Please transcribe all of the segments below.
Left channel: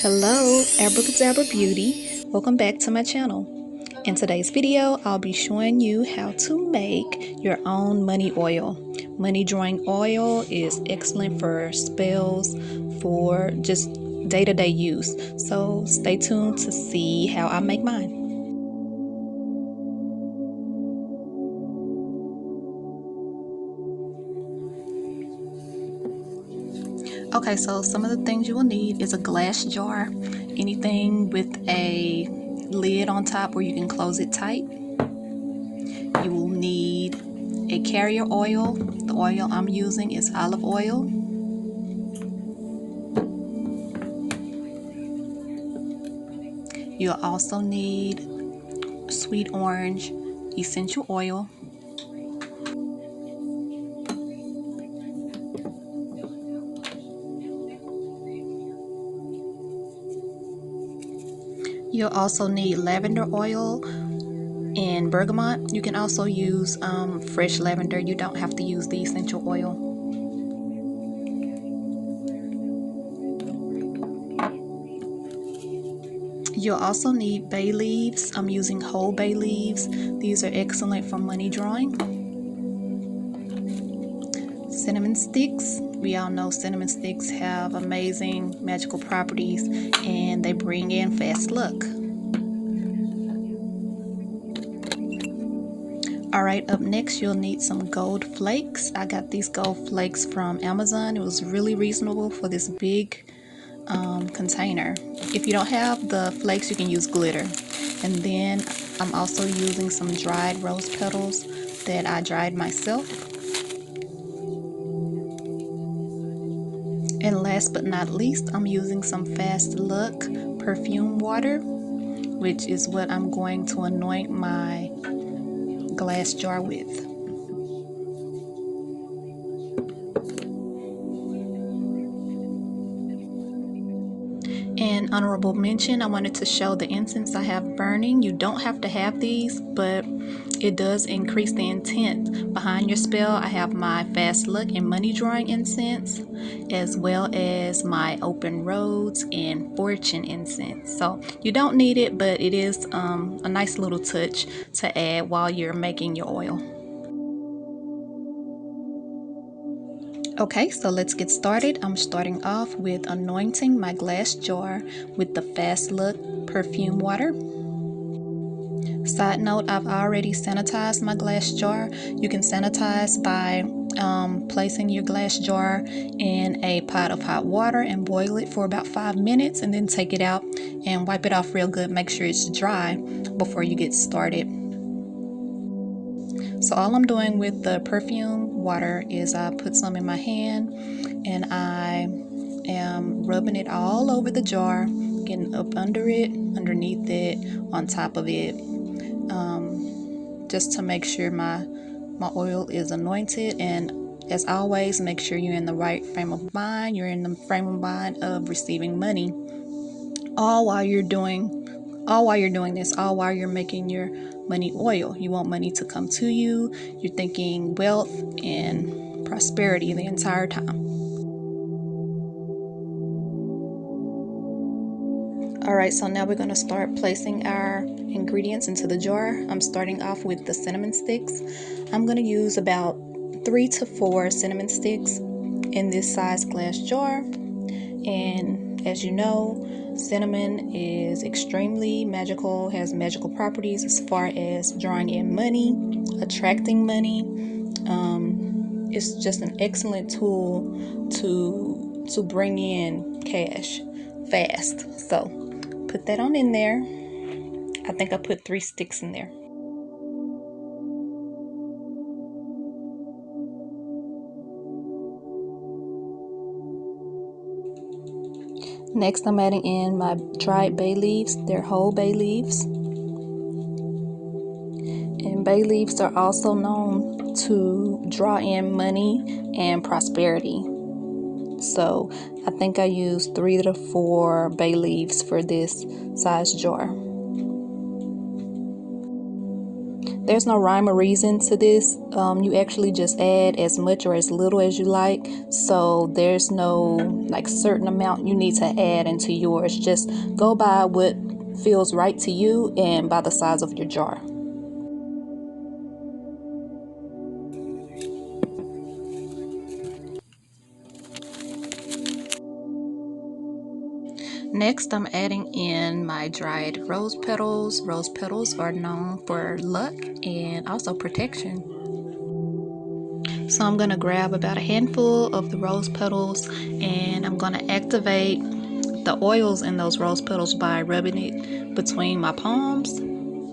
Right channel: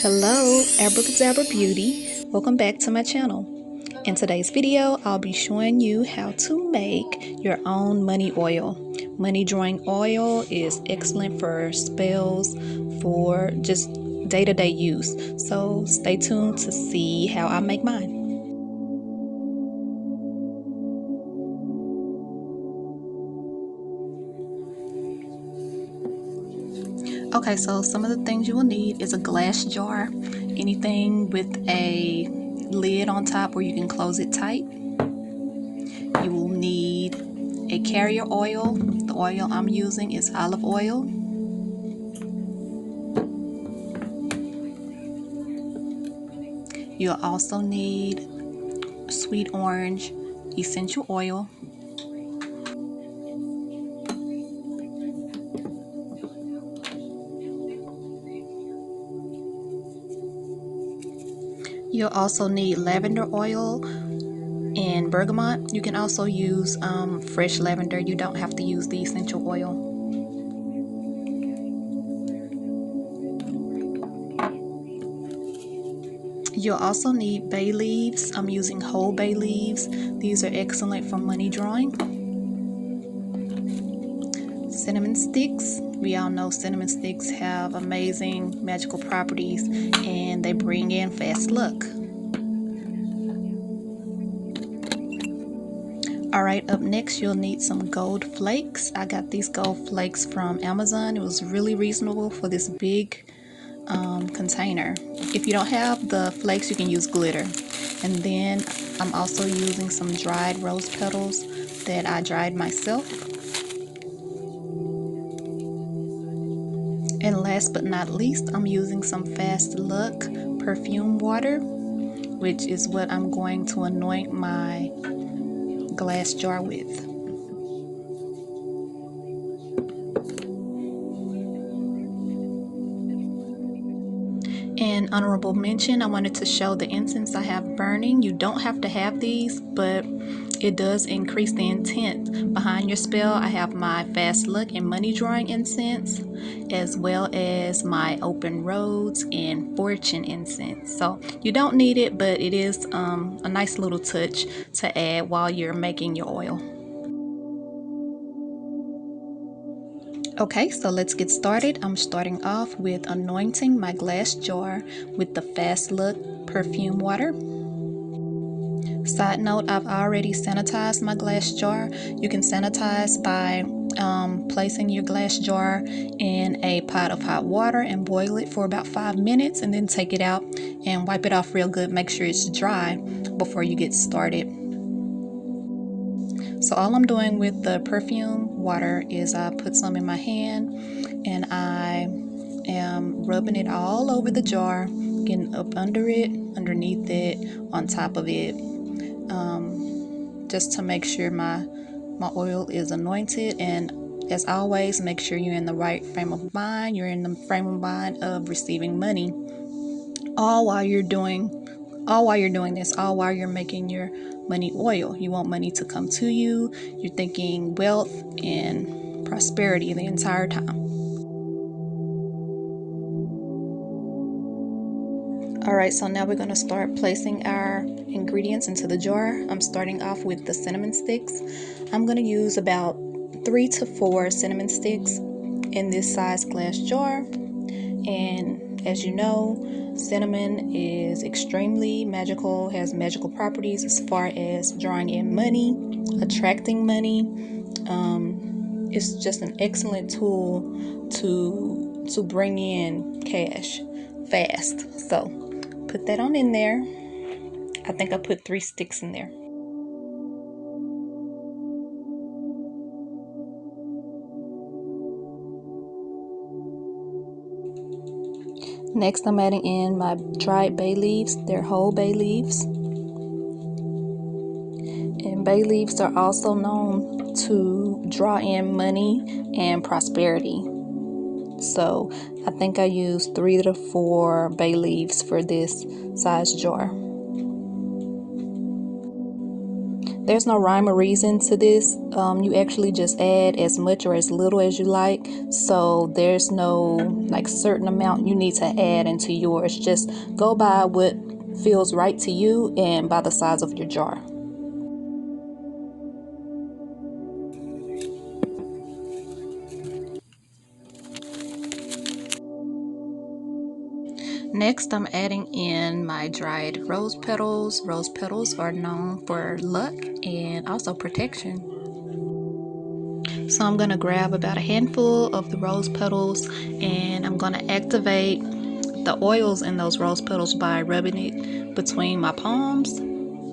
Hello, Abrakadabra Beauty. Welcome back to my channel. In today's video, I'll be showing you how to make your own money oil. Money drawing oil is excellent for spells, for just day-to-day use. So stay tuned to see how I make mine. Okay, so some of the things you will need is a glass jar, anything with a lid on top where you can close it tight. You will need a carrier oil. The oil I'm using is olive oil. You'll also need sweet orange essential oil. You'll also need lavender oil and bergamot. You can also use fresh lavender. You don't have to use the essential oil. You'll also need bay leaves. I'm using whole bay leaves. These are excellent for money drawing. Cinnamon sticks. We all know cinnamon sticks have amazing magical properties and they bring in fast luck. Alright, up next you'll need some gold flakes. I got these gold flakes from Amazon. It was really reasonable for this big container. If you don't have the flakes, you can use glitter. And then I'm also using some dried rose petals that I dried myself. And last but not least, I'm using some Fast Luck perfume water, which is what I'm going to anoint my glass jar with. And honorable mention, I wanted to show the incense I have burning. You don't have to have these, but it does increase the intent behind your spell. I have my Fast Luck and money drawing incense, as well as my open roads and fortune incense. So you don't need it, but it is a nice little touch to add while you're making your oil. Okay, so let's get started. I'm starting off with anointing my glass jar with the Fast Look perfume water. Side note, I've already sanitized my glass jar. You can sanitize by placing your glass jar in a pot of hot water and boil it for about 5 minutes and then take it out and wipe it off real good. Make sure it's dry before you get started. So all I'm doing with the perfume water is I put some in my hand and I am rubbing it all over the jar, getting up under it, underneath it, on top of it, just to make sure my oil is anointed. And as always, make sure you're in the right frame of mind. You're in the frame of mind of receiving money, all while you're doing this, all while you're making your money oil. You want money to come to you. You're thinking wealth and prosperity the entire time. Alright, so now we're going to start placing our ingredients into the jar. I'm starting off with the cinnamon sticks. I'm going to use about 3 to 4 cinnamon sticks in this size glass jar. And as you know, cinnamon is extremely magical, has magical properties as far as drawing in money, attracting money. It's just an excellent tool to bring in cash fast. So put that on in there. I think I put 3 sticks in there. Next, I'm adding in my dried bay leaves. They're whole bay leaves. And bay leaves are also known to draw in money and prosperity. So I think I used 3 to 4 bay leaves for this size jar. There's no rhyme or reason to this. You actually just add as much or as little as you like. So there's no like certain amount you need to add into yours. Just go by what feels right to you and by the size of your jar. Next, I'm adding in my dried rose petals. Rose petals are known for luck and also protection. So I'm going to grab about a handful of the rose petals and I'm going to activate the oils in those rose petals by rubbing it between my palms.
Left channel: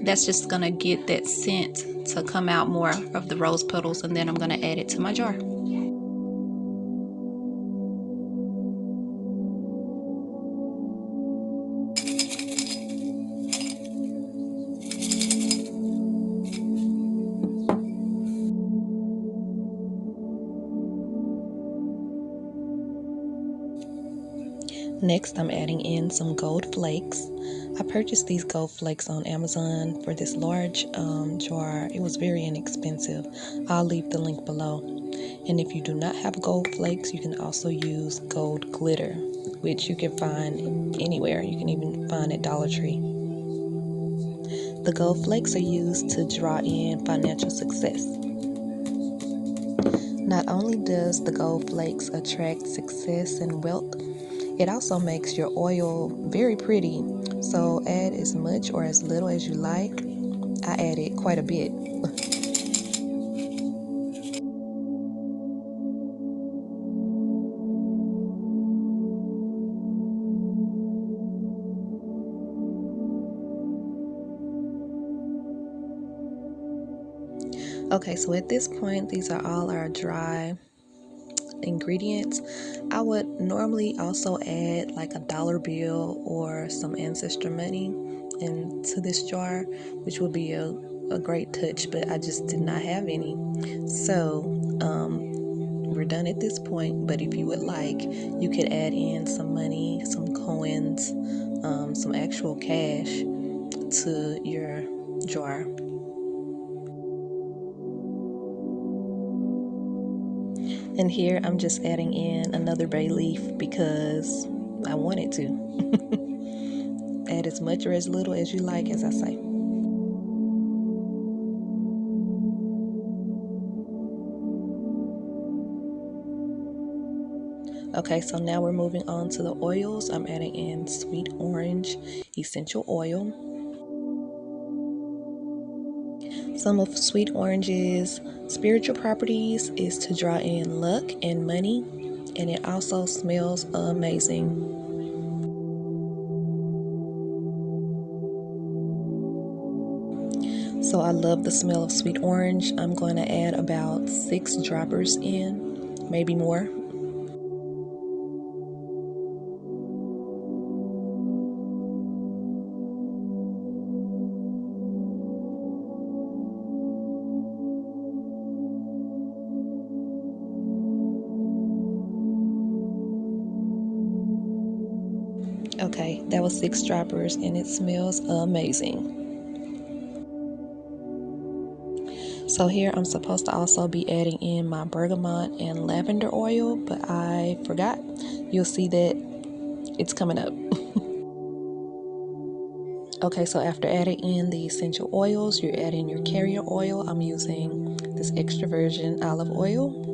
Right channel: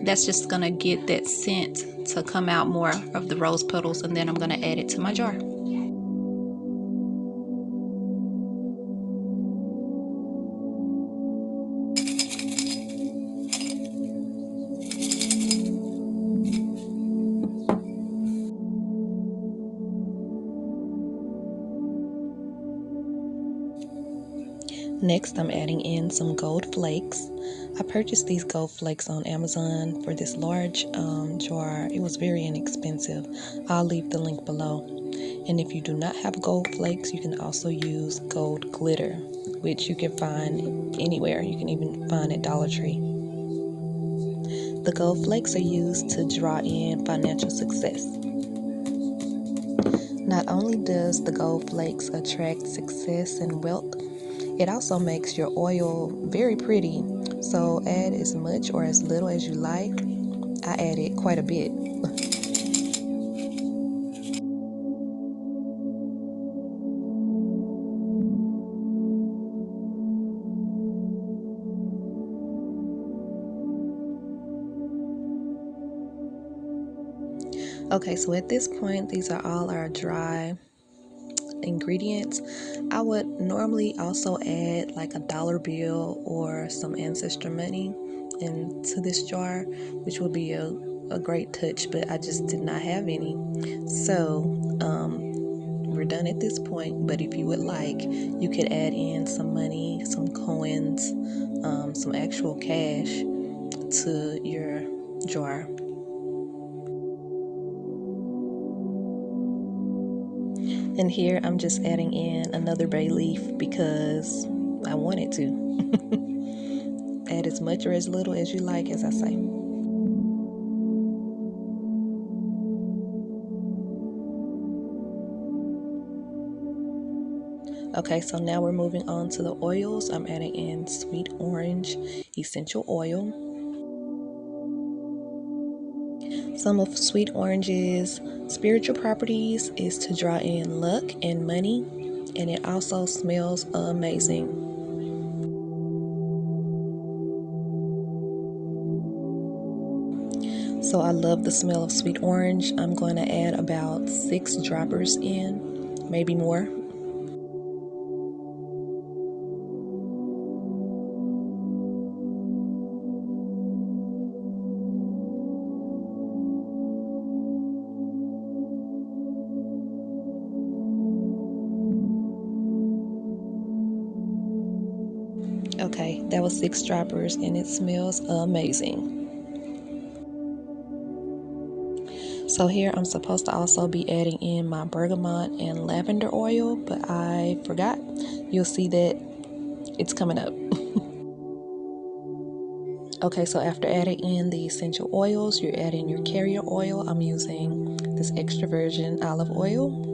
That's just going to get that scent to come out more of the rose petals, and then I'm going to add it to my jar. Next, I'm adding in some gold flakes. I purchased these gold flakes on Amazon for this large jar. It was very inexpensive. I'll leave the link below. And if you do not have gold flakes, you can also use gold glitter, which you can find anywhere. You can even find at Dollar Tree. The gold flakes are used to draw in financial success. Not only does the gold flakes attract success and wealth, it also makes your oil very pretty. So add as much or as little as you like. I added quite a bit. Okay, so at this point, these are all our dry ingredients. I would normally also add like a dollar bill or some ancestor money into this jar, which would be a great touch, but I just did not have any. So we're done at this point, but if you would like, you could add in some money, some coins, some actual cash to your jar. And here I'm just adding in another bay leaf because I wanted to. Add as much or as little as you like, as I say. Okay, so now we're moving on to the oils. I'm adding in sweet orange essential oil. Some of sweet orange's spiritual properties is to draw in luck and money, and it also smells amazing. So I love the smell of sweet orange. I'm going to add about 6 droppers in, maybe more. Okay, that was 6 droppers and it smells amazing. So here I'm supposed to also be adding in my bergamot and lavender oil, but I forgot. You'll see that it's coming up. Okay, so after adding in the essential oils, you're adding your carrier oil. I'm using this extra virgin olive oil.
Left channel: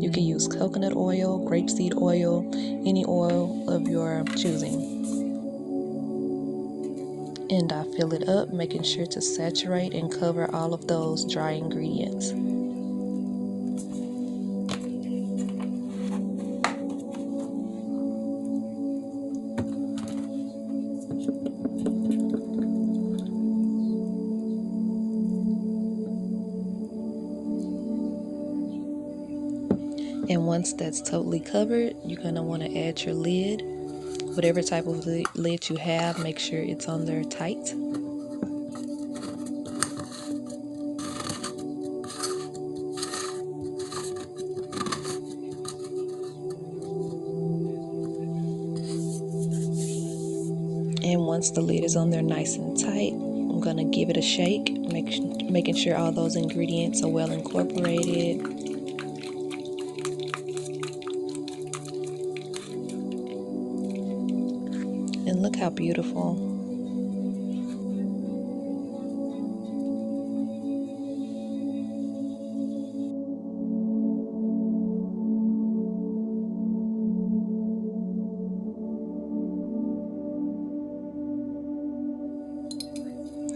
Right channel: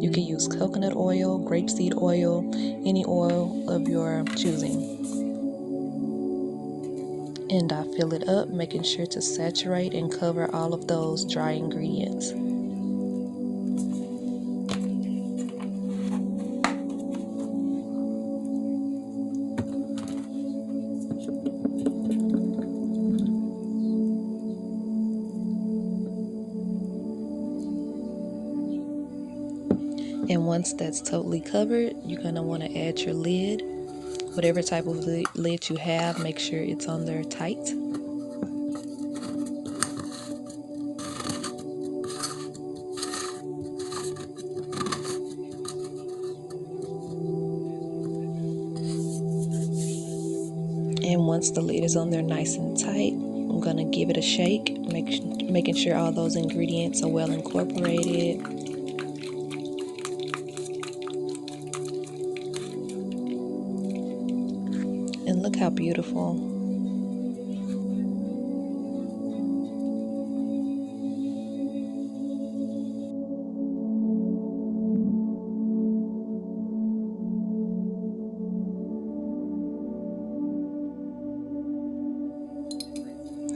You can use coconut oil, grapeseed oil, any oil of your choosing. And I fill it up, making sure to saturate and cover all of those dry ingredients. And once that's totally covered, you're going to want to add your lid. Whatever type of lid you have, make sure it's on there tight. And once the lid is on there nice and tight, I'm gonna give it a shake, making sure all those ingredients are well incorporated. And look how beautiful.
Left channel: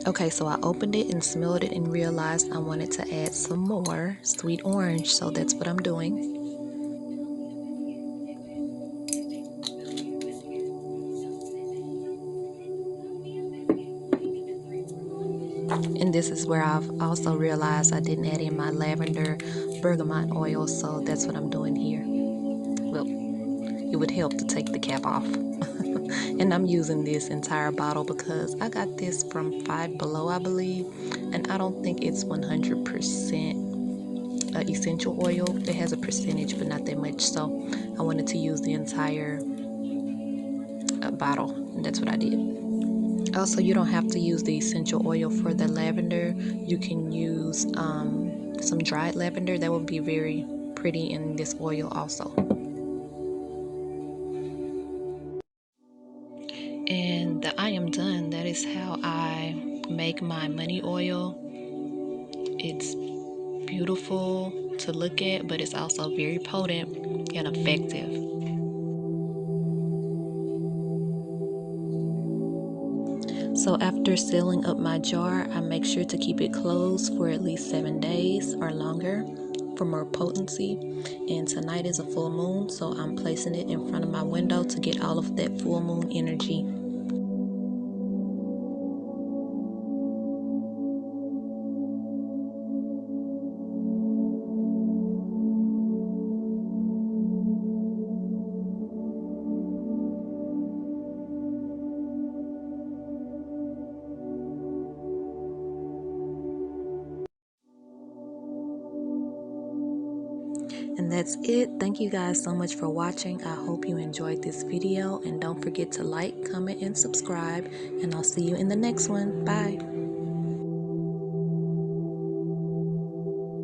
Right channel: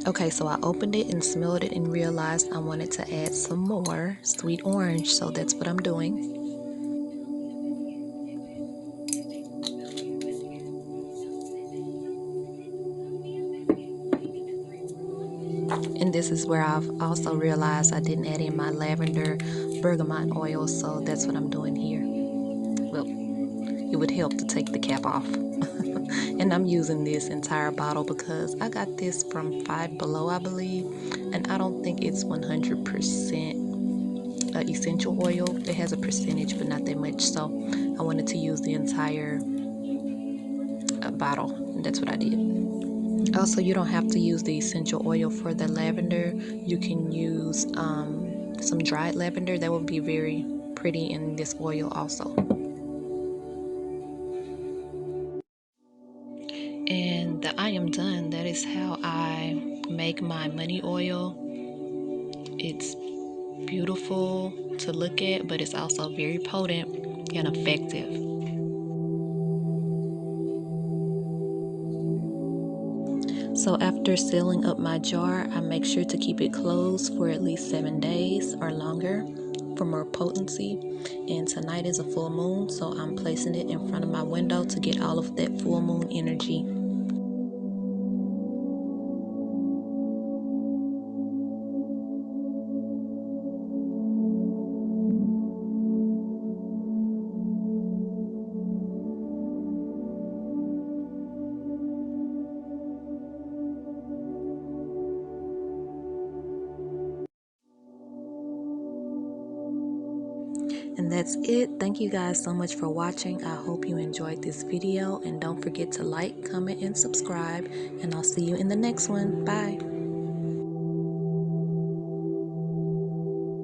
Okay, so I opened it and smelled it and realized I wanted to add some more sweet orange, so that's what I'm doing. And this is where I've also realized I didn't add in my lavender bergamot oil, so that's what I'm doing here. Well, it would help to take the cap off. And I'm using this entire bottle because I got this from Five Below, I believe, and I don't think it's 100% essential oil. It has a percentage, but not that much, so I wanted to use the entire bottle, and that's what I did. Also, you don't have to use the essential oil for the lavender. You can use some dried lavender. That would be very pretty in this oil also. And I am done. That is how I make my money oil. It's beautiful to look at, but it's also very potent and effective. So after sealing up my jar, I make sure to keep it closed for at least 7 days or longer for more potency. And tonight is a full moon, so I'm placing it in front of my window to get all of that full moon energy. And that's it. Thank you guys so much for watching. I hope you enjoyed this video, and don't forget to like, comment, and subscribe, and I'll see you in the next one. Bye.